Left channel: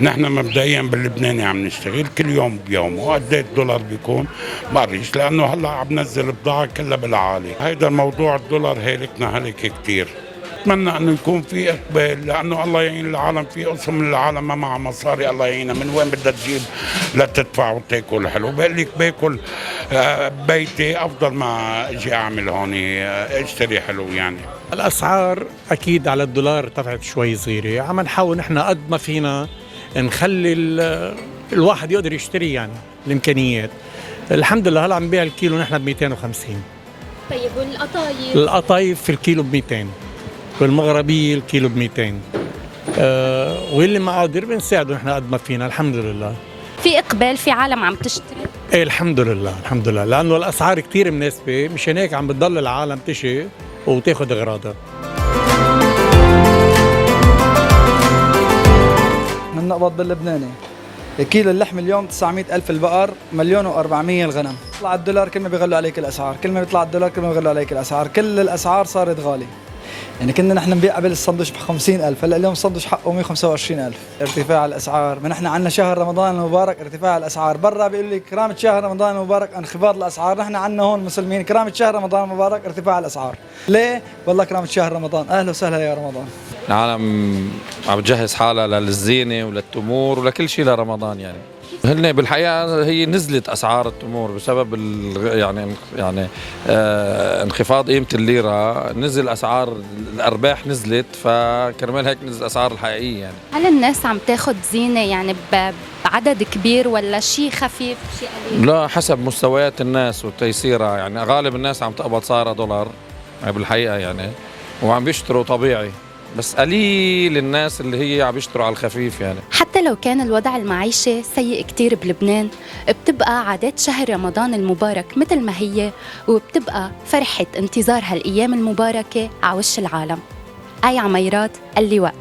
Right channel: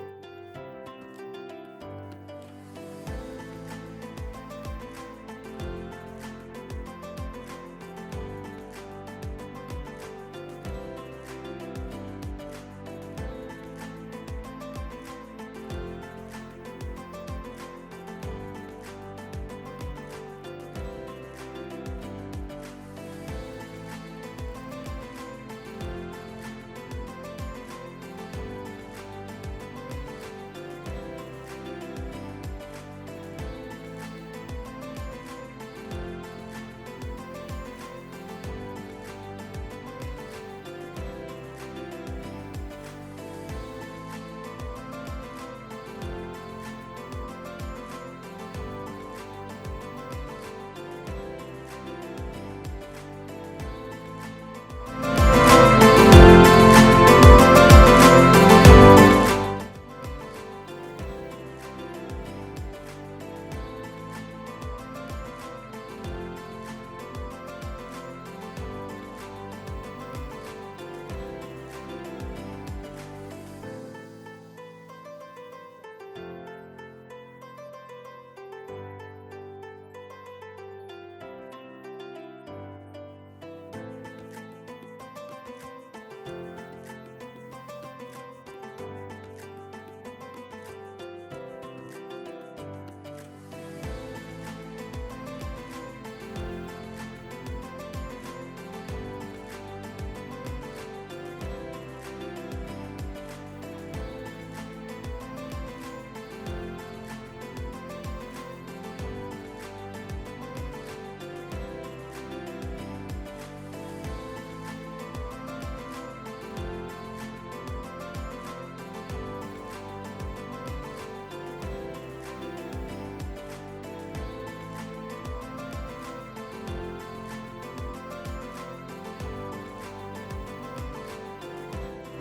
نحن مبدئيا باللبناني عم نشتغل كل يوم بيومه، وقد ايه الدولار بيكون بعرفش، لانه هلا عم نزل بضاعه كلها بالعالي. هيدا الموضوع الدولار هالكنا هلك كثير. بتمنى انه يكون في اقبال، لانه الله يعين العالم، في قسم من العالم ما معها مصاري، الله يعينها، من وين بدها تجيب لتدفع وتاكل حلو؟ بقول لك باكل بيتي افضل ما اجي اعمل هون اشتري حلو يعني. الأسعار أكيد على الدولار ارتفعت شوي صغيرة، عم نحاول نحن قد ما فينا نخلي الواحد يقدر يشتري يعني الإمكانيات. الحمد لله هلا عم نبيع الكيلو نحن ب 250. طيب والقطايف؟ القطايف في الكيلو ب 200، والمغربية الكيلو ب 200. واللي ما قادر بنساعده نحن قد ما فينا الحمد لله. في إقبال، في عالم عم تشتري؟ ايه الحمد لله الحمد لله، لأنه الأسعار كتير مناسبة، مشان هيك عم بتضل العالم تشي وتاخد أغراضها. من نقبض باللبناني كيلو اللحم اليوم 900 ألف البقر، 1,400,000 الغنم. طلع الدولار كل ما بيغلوا عليك الأسعار، كل ما بيطلع الدولار كل ما بيغلوا عليك الأسعار، كل الأسعار صارت غالية. يعني كنا نحن نبيع قبل السندويش ب 50,000، هلا اليوم السندويش حقه 125,000. ارتفاع الأسعار، ما نحن عندنا شهر رمضان المبارك ارتفاع الأسعار، برا بيقول لك كرامة شهر رمضان المبارك انخفاض الأسعار، نحن عندنا هون مسلمين كرامة شهر رمضان المبارك ارتفاع الأسعار. ليه؟ والله كرامة شهر رمضان، أهلا وسهلا يا رمضان. العالم عم تجهز حالها للزينة وللتمور ولكل شيء لرمضان يعني. هن بالحقيقة هي نزلت أسعار التمور بسبب يعني انخفاض قيمة الليرة، نزل أسعار الأرباح نزلت، فكرمال هيك نزل الأسعار الحقيقية يعني. هل الناس عم تاخد زينة يعني بعدد كبير ولا شيء خفيف شيء قليل؟ لا، حسب مستويات الناس وتيسيرها يعني. غالب الناس عم تقبض صار دولار يعني بالحقيقة يعني، وعم بيشتروا طبيعي، بس قليل الناس اللي هي عم يشتروا على الخفيف يعني. حتى لو كان الوضع المعيشي سيء كتير بلبنان، بتبقى عادات شهر رمضان المبارك مثل ما هي، وبتبقى فرحة انتظار هالأيام المباركة على وش العالم. آي عميرات، اللواء.